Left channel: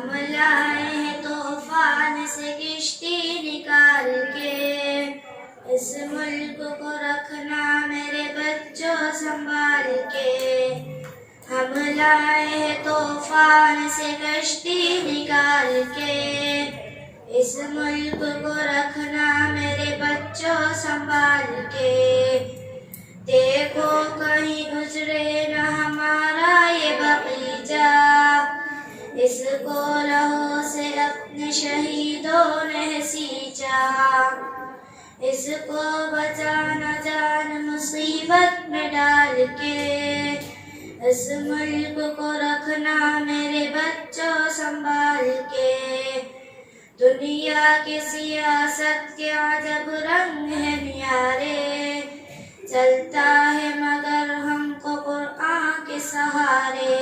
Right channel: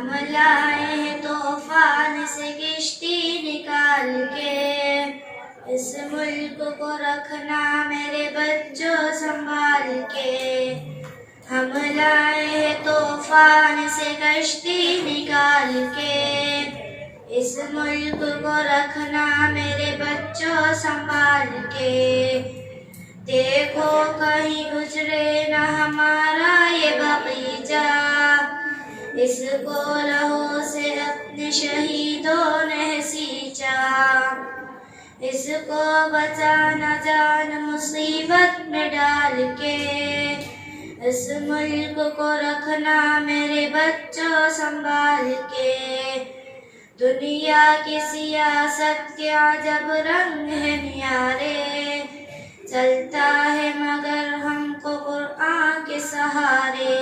हम लाए हैं तूफान से किश्ती निकाल के, इस मुल्क को रखना मेरे बच्चों संभाल के। हम लाए हैं तूफान से कश्ती निकाल के, इस मुल्क को रखना मेरे बच्चों संभाल के। देखो कहीं गुजरे न हमारा ये बगीचा, इसको लहू से अपने शहीदों ने सींचा। इसको बचाना जान मुसीबत में डाल के, इस मुल्क को रखना मेरे बच्चों संभाल के। दुनिया की सियासत के अजब रंग है न्यारे, चलता है मगर हमको कुरान के सहारे।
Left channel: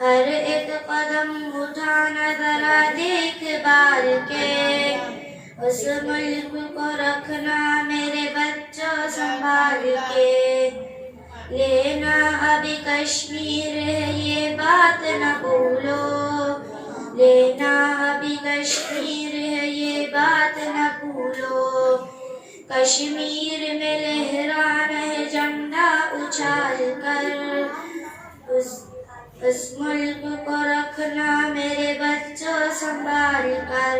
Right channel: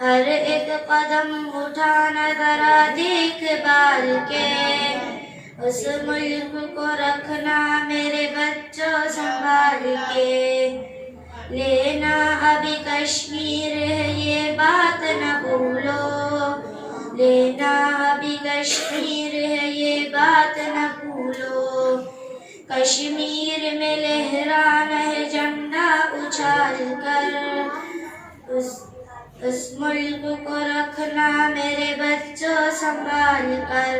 हर एक कदम उठाना जरा देख बाल के, उस मुल्क को रखना मेरे बच्चों संभाल के। लेना अभी कश्मीर है ये बात न भूलो, लेना अभी कश्मीर है ये बात न भूलो। कश्मीर में लहराना है झंडा उछाल कर, उस मुल्क को रखना मेरे बच्चों संभाल कर।